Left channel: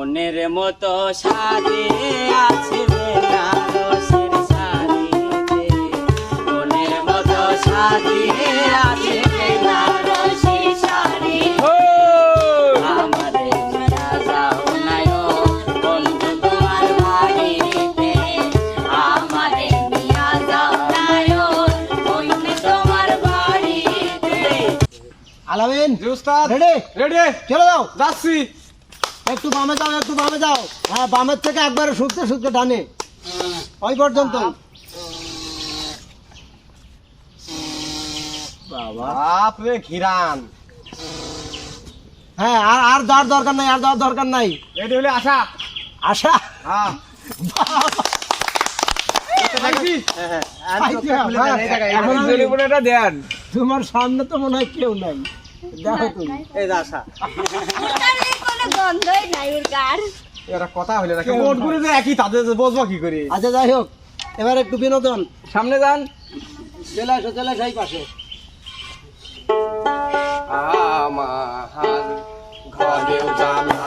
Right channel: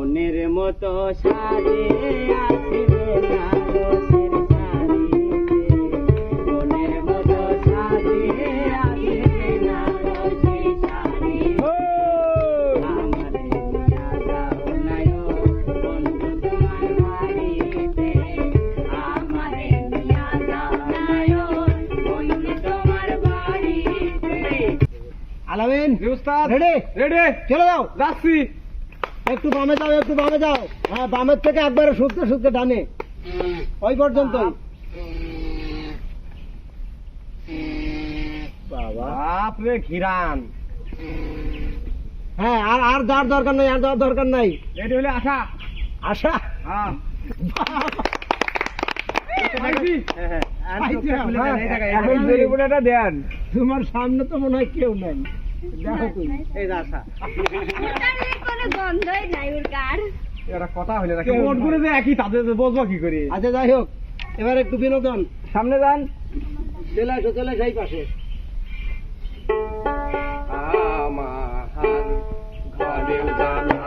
মনের মতো সাজিয়ে আছে বেনারসের শাড়িতে, মনের মতো সাজিয়ে আছে বেনারসের শাড়ি। আমারে নিয়া যাও নাই ও বন্ধু তোমার বাড়িতে, আমারে নিয়া যাও নাই ও বন্ধু তোমার বাড়িতে। আলামিন উস্তাদ রেডি রেডি চলে যাও। যাচ্ছি। একটু বামে যাও, একটু বামে যাও। হ্যাঁ, বামের থেকে একবারে শুকতে শুকতে ডানে ওই পর্যন্ত। বাপরে ঘিরান। হ্যাঁ, আর আর যাওয়ার দরকার নাই, আর যাওয়ার দরকার নাই। রেডি হলে আসা। আশা হ্যাঁ এখন জরিমানাটা দেন। তোমার সামনে তো মনে হয় কেউ নাই, দেখো তুমি। এই যে আসা। কোনো গন্ধই নাই ওর গার। এরা কথা হইলে না মোট করে যে একই তাদের বসবো কি করে। আচ্ছা যাই হোক, এবার একটু বিনোদন। সামনে যান। চলে আসো, চলে আসো এই পাশে। আমার ঘরেও জানা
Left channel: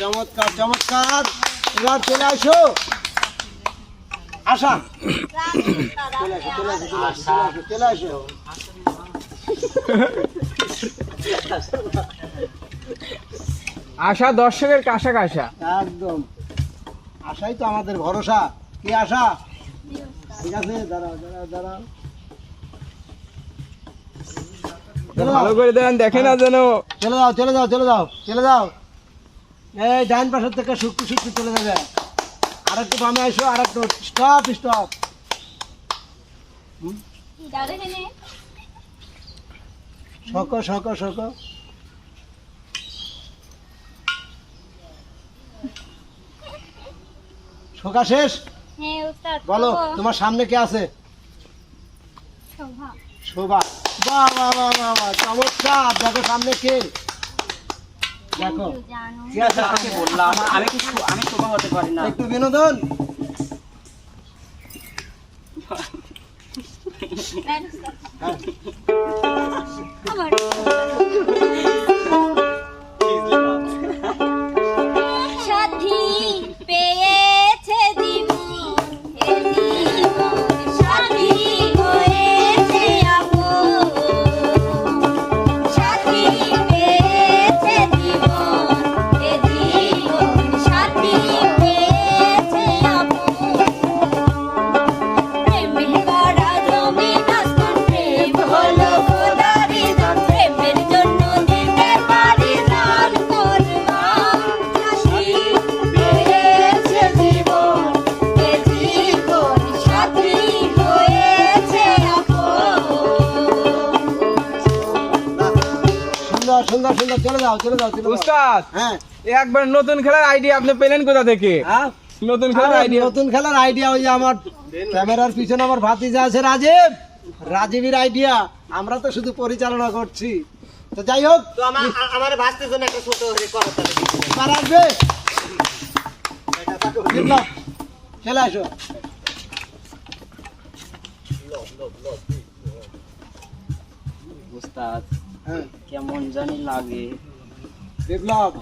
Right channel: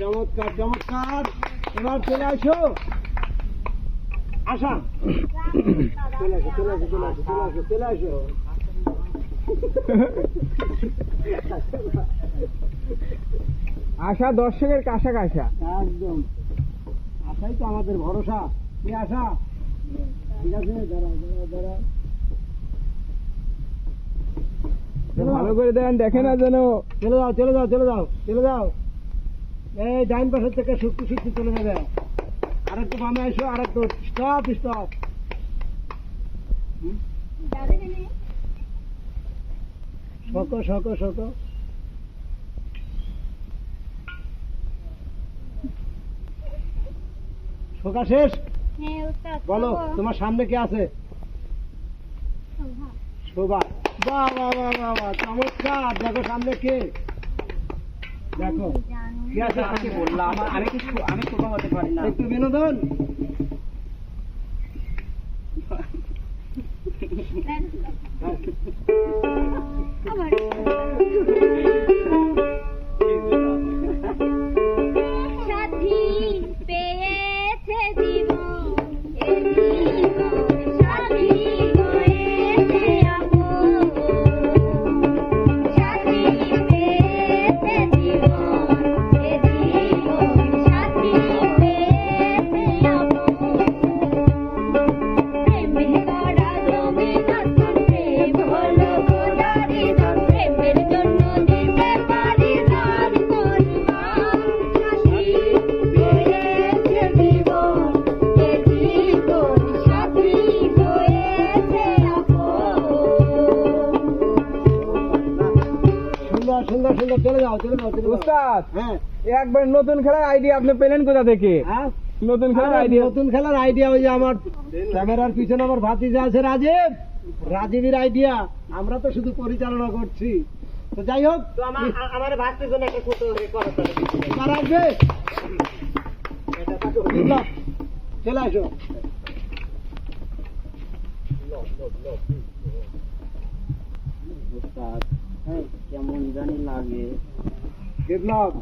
চমৎকার চমৎকার। এবার চলে আসো আশা, চলে আসো, চলে আসো, চলে আসো, চলে আসো। আশা দর্শকের কাশা কাশা। একদম আশাই তো আমাদের ভরসা। কি আশা? ঠিক আছে, দাঁড়াও দাঁড়াও দাঁড়াও। ভালো করে দেন, দেখে না যেন। চলে যাও, চলে যাও, চলে যাও, চলে যাও। এই ডাইন পাশের থেকে শুকতে শুকতে চলে যাবে। আর একটু বামে আসো, আর একটু স্টপ স্টপ। শোকো শোকো শোকো। শোকা শেষ? হ্যাঁ উস্তাদ। বলো তোমার সামনে কে আছে? শোভা। শোভা। বাহ বাহ বাহ বাহ বাহ, চমৎকার। দেখো সামনে কে, দেখো। আমি বললাম আমি শোভা হতে পারি না। একটু বিনোদন। আমার সাথী পেয়েছে জীবন, এ জীবন সাথী হয়েছে আপন। সাথী পেয়েছে জীবন, এ জীবন সাথী পেয়েছে আপন। প্রেমে করা জমি নাস্তন, প্রেম হলো খোদারি দান, প্রেমের জন্য দিতে পারি জান কুরবান। সাথী পেয়েছে জীবন, এ জীবন সাথী হয়েছে আপন। সুন্দর সুন্দর সুন্দর। চলে যাও, চলে যাও, চলে যাও। উস্তাদ হ্যাঁ একবার নতুন খেলার আইডিয়া আপনি পেলেন কোথা থেকে? হ্যাঁ, নতুন খেলার আরে আইডিয়া। নতুন খেলার আইডিয়া ওই যে আমার ক্যামেরার পিছনে আমার ভাতিজা আছে রাজীব, রাজীবের আইডিয়া। আমরা তো শুধু পরিচালনা করছি। তো যাই হোক, তো আমার ভাস্তের জন্য একটা ছোট রেকর্ড তাহলে এবার আসবে। বিপ্লব, চলে আসো। উস্তাদ হ্যাঁ কেমন জানি লাগে। বিপ্লব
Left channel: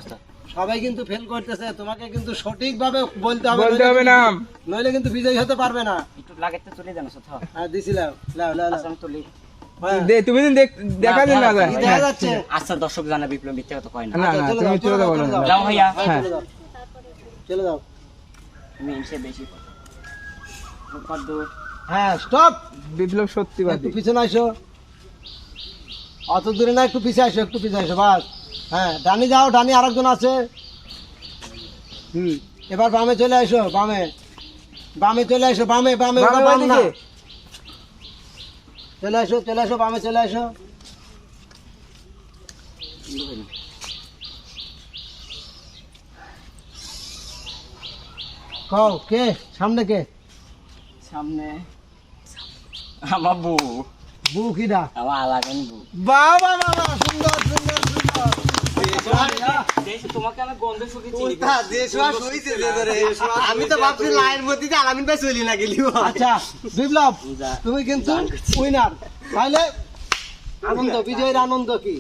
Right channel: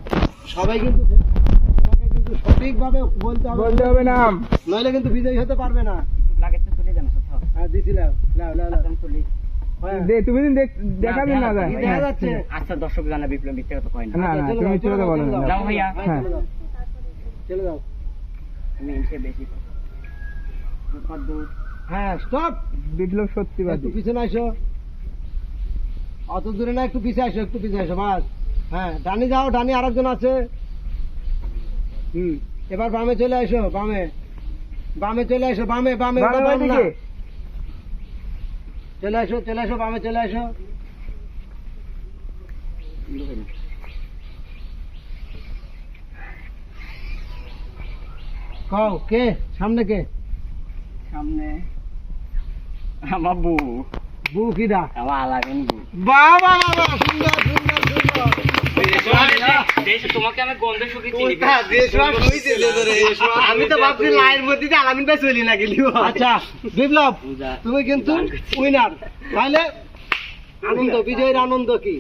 সবাই কিন্তু ফেল করতেছে, তোমাকে কিন্তু সঠিকভাবে বলতে হবে নাম। নইলে কিন্তু বিজয়ী হতে পারবে না। একটু লাগে তো চলে জানো কোথাও। হ্যাঁ দিছিলাম, লাও লাও লাও। আচ্ছা আমি তুলি। হ্যাঁ, তুমি দেখা দিন না যায়। কি দেখা যাচ্ছে? আচ্ছা দর্শক জানা বিপ্লব মিথ্যা কথা কয় না। না আচ্ছা, না চলে তুমি যাও, চলে যাও চলে না। যাও। যাও ভাইয়া। হ্যাঁ, চলে যাও। চলে যাও। আমি এমসে বেশি কথা। কত দূর? হ্যাঁ স্টপ, বিপ্লব সত্যিবাদী। একটু পিছনে আসো, অত দূরে না, একটু পিছিয়ে আসো, একটু পিছিয়ে আসো বাস। হ্যাঁ ডানি যাও, ডানি আরেকজন আছে। এবার বামে চলে আসো, বামে বামে চলে আসো, বামে বামে বামে বাম না। ওইদিকে। চলে আসো, চলে আসো, বামে চলে আসো। কও কে সামনে, কে সামনে আমার বউ। বউ কিডা? আমার আলাগেন বউ। বাবা বাবা, সুন্দর সুন্দর সুন্দর। দেশে তোমাকে আমি গন্ধ শুকে চিনি। আমি তো ভাবছি লাইন মধ্যে আলামিন ভাই চলি না গেলি। আচ্ছা বিপ্লব, তুমি কিন্তু উইনার। তাহলে আনন্দ, বিজয়ের আনন্দ কি?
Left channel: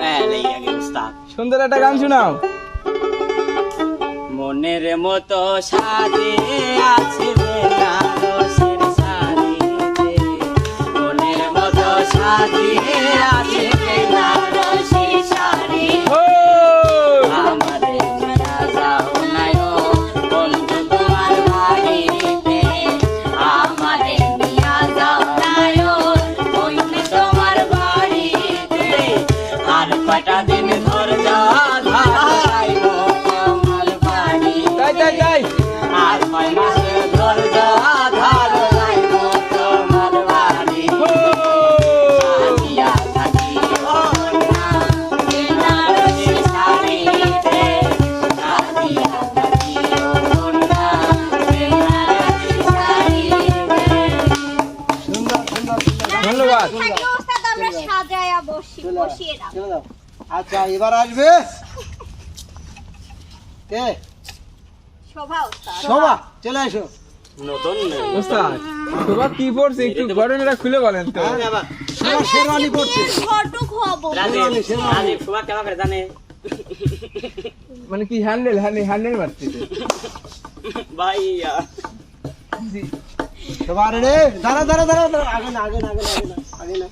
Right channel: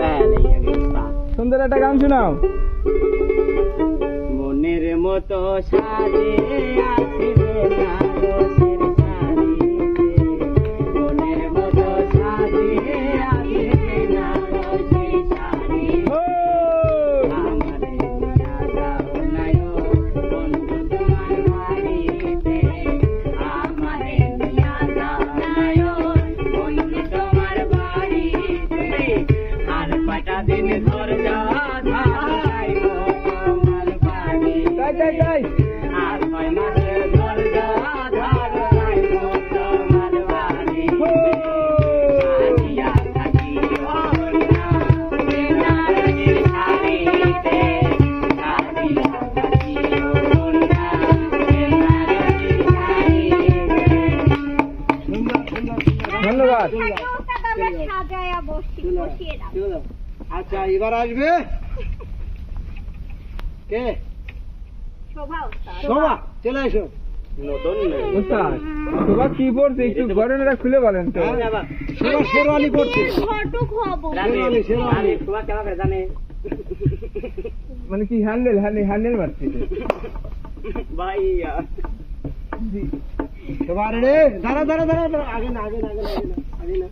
হ্যাঁ এই আগে উস্তাদ। সুন্দর একটা গান শোনাও। মনের মতো সাজিয়ে আছে বেনারসের শাড়িতে, মনের মতো সাজিয়ে আছে বেনারসের শাড়ি। আমারে নিয়া যাও নাই ও বন্ধু তোমার বাড়িতে, আমারে নিয়া যাও নাই ও বন্ধু তোমার বাড়িতে। আর কয়টা দিন ঘর যাইব তোমার বাড়ি, যাই আর কয় মাসের ঘর যাইব তোমার বাড়ি। সাজিয়া থাকিও না বেনারসি শাড়িতে, সাজিয়া থাকিও না বেনারসি শাড়িতে। সুন্দর সুন্দর সুন্দর। ধন্যবাদ। থাকে ওস্তাদ, আমরা সাজায়া বসিয়ে দাও। চলে যাও। আচ্ছা এবার আসবে কে? শোভা ওস্তাদ। শোভা, চলে আসো। নতুন ওস্তাদ তোমার কি পড়ছে একটু ঘটনাটা খুলে বলেন তো। শোভা শেরওয়ানি পড়ছে। ঘটক হবো। রাজীব রাজীব সুবা কেমন করে জানে মানে কি হ্যান্ডেল মারছে ভাইয়া। তোমার রে, দাঁড়া দাঁড়া দাঁড়া দাঁড়া, আগে না আগে না আগে না আগে না আগে না আগে না।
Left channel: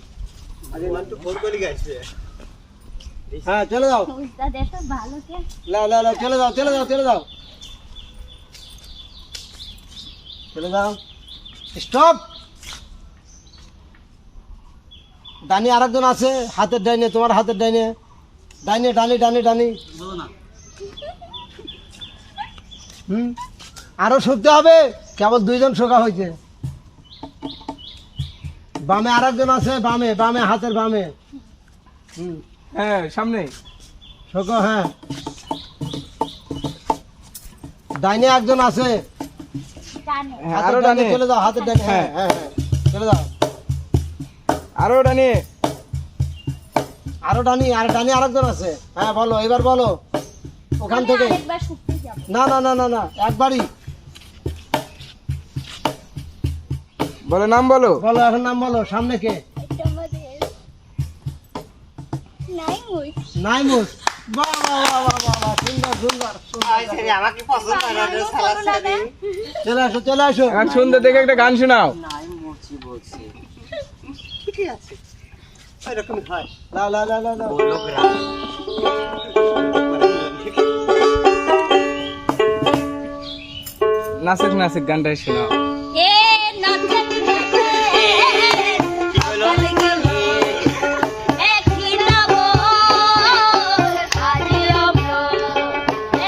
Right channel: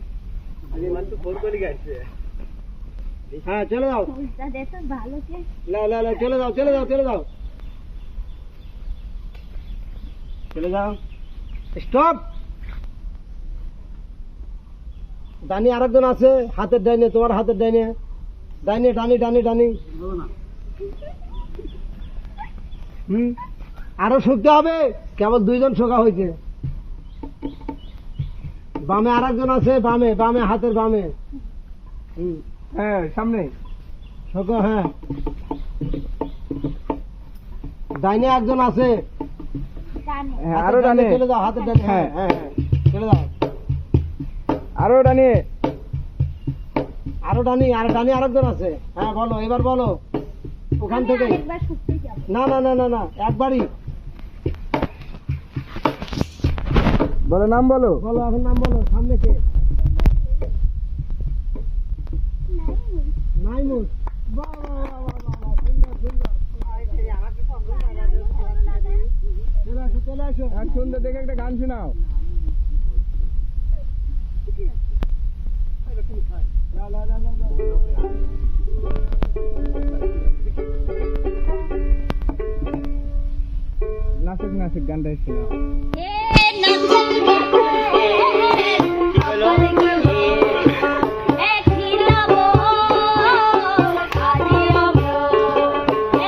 হ্যাঁ চলে যাও, ওস্তাদ এসব ভালো কে? লাও লাও লাও, চলে যাও চলে যাও চলে যাও চলে যাও। স্টপ। ডানি আরেকজন আছে, হাতের ডাইনে, তোমার হাতের ডাইনে, ডাইনে ডানি ডানি ডানি। আরো শুকতে হবে, কেবল দুইজন শোকা হয়েছে। বামে আরেকজন আছে, বামে বামে হাতের বামে। হ্যাঁ সামনে শোকা। হ্যাঁ ডাইনে একজন আছে। জানে। হ্যাঁ আরো ডানে চলে যাও, হাতের ডানে। হ্যাঁ হ্যাঁ হ্যাঁ, চলে যাও। আরো ডানে আরো ডানি, আর ডানি আরেকজন আছে। হ্যাঁ বলো, এবার বলো ওখান আমি থেকে। আরেকবার শুকতে যাব। না না না না না, একবারই বলো নাম বলো। বলো, এখন নাম বলো। সামনে কে? এটা আমাদের নাই মুই। নাইমুস। বাহ বাহ বাহ বাহ বাহ, সুন্দর সুন্দর চলে আসো চলে আসো। আর সুন্দর দেখে একটা গান শোনাও। নাই মরছি বলছি লাও লাও লাও লাও লাও। বলো গ্রাম। নাচেক নাচেক গানটাই শোনাও। এ নাচে নাচে গেল এ খিলাবো আরে আমো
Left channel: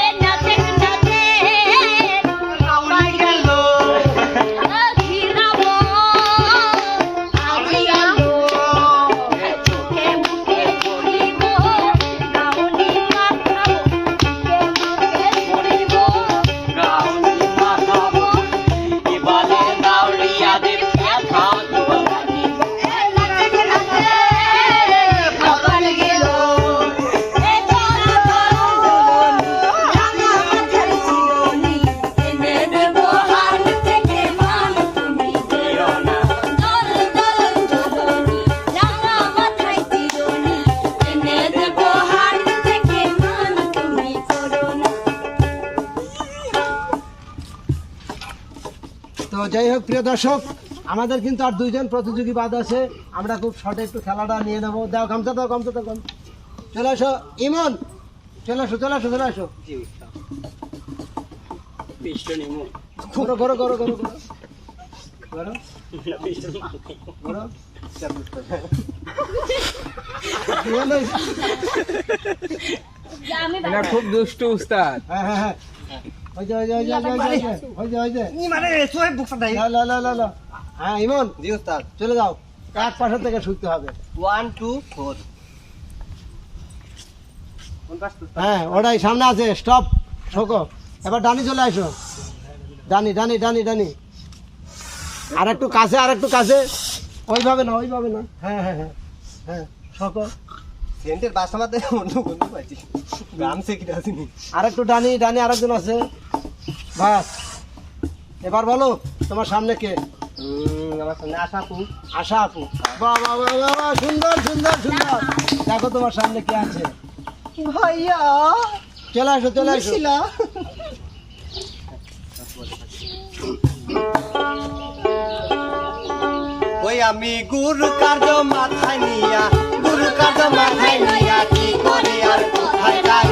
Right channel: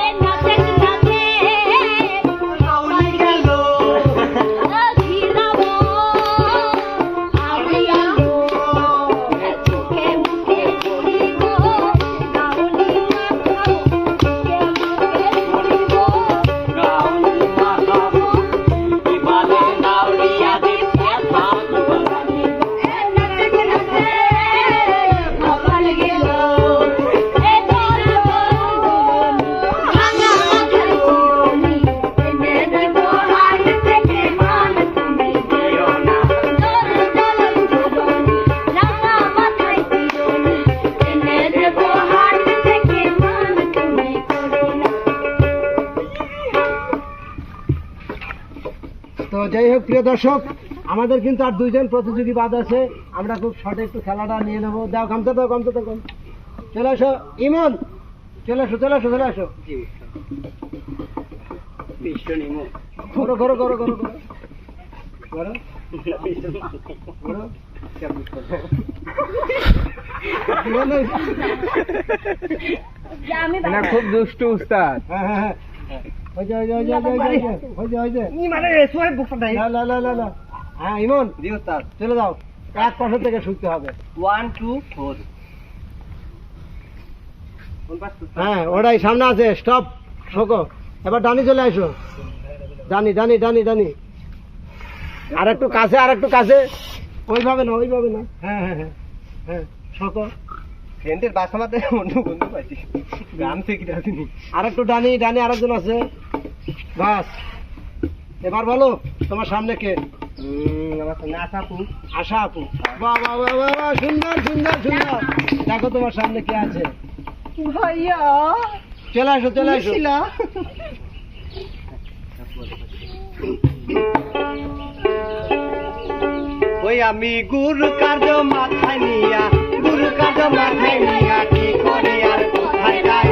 এ নাচে নাচে আমার গেল এ খিলাবো আমি আমো চোখে মুখে পড়িব গাউনি মাখাবো চোখে মুখে পড়িব গাউনি মাখাবো, এবারে গাউনি যাই হোক প্রিয় দর্শক, আমাদের কিন্তু আর 2 জন প্রতিযোগী বাদ আছে। আমরা খুব শর্টে একটু খেলাটা নিয়ে নেবো। দাও গামছা দাও, গামছা দাও, গামছা। চলে আসো ইমন, চলে আসো, চলে আসো, চলে আসো। পিস্টন ইমো করো করো করো করো করো করো পিস্টন করো। ইমন ভাই, যে আমি এটা খুব দুষ্ট উস্তাদ। হ্যাঁ হ্যাঁ হ্যাঁ, ওই যে ওই যে ওই যে ওই যে ওই যে ওই যে ই মানে সোয়ে বুকটা দেই। লা লা লা লা লা। হ্যাঁ ইমন, জি উস্তাদ। চলে যাও, এক পাশে থেকে শুনতে হবে। 1 2 4 কোন পাশ উস্তাদ? হ্যাঁ ওটাই সামনে আছে, স্টপ শোকো। এবার ডানি চলে আসো, ডানি ডানি ডানি ডানি। আর একটু কাছে, আর একটু কাছে, ওইভাবে না, ওইভাবে না। হ্যাঁ হ্যাঁ হ্যাঁ হ্যাঁ, শোকো। সেন্টের বাসামাতে অন্য বন্ধু পাচ্ছি। গ্রাম থেকে আসেনি। আর একটু ডানি ডানি, আরেকজন আছে। বাস, এবার বলো তোমার সামনে কে? আমার সামনে আশা আপু। আশা আপু। বাহ বাহ বাহ বাহ বাহ, সুন্দর সুন্দর সুন্দর। দেখো তোমার সামনে কে আছে। ভাইয়া চলে আসো, চলে আসো। শিলা। ওই আমি গুরু কার্য মাথায় নিয়া, গুরু কার্য মাথায় নিয়া কি করে আর কোথায় যাই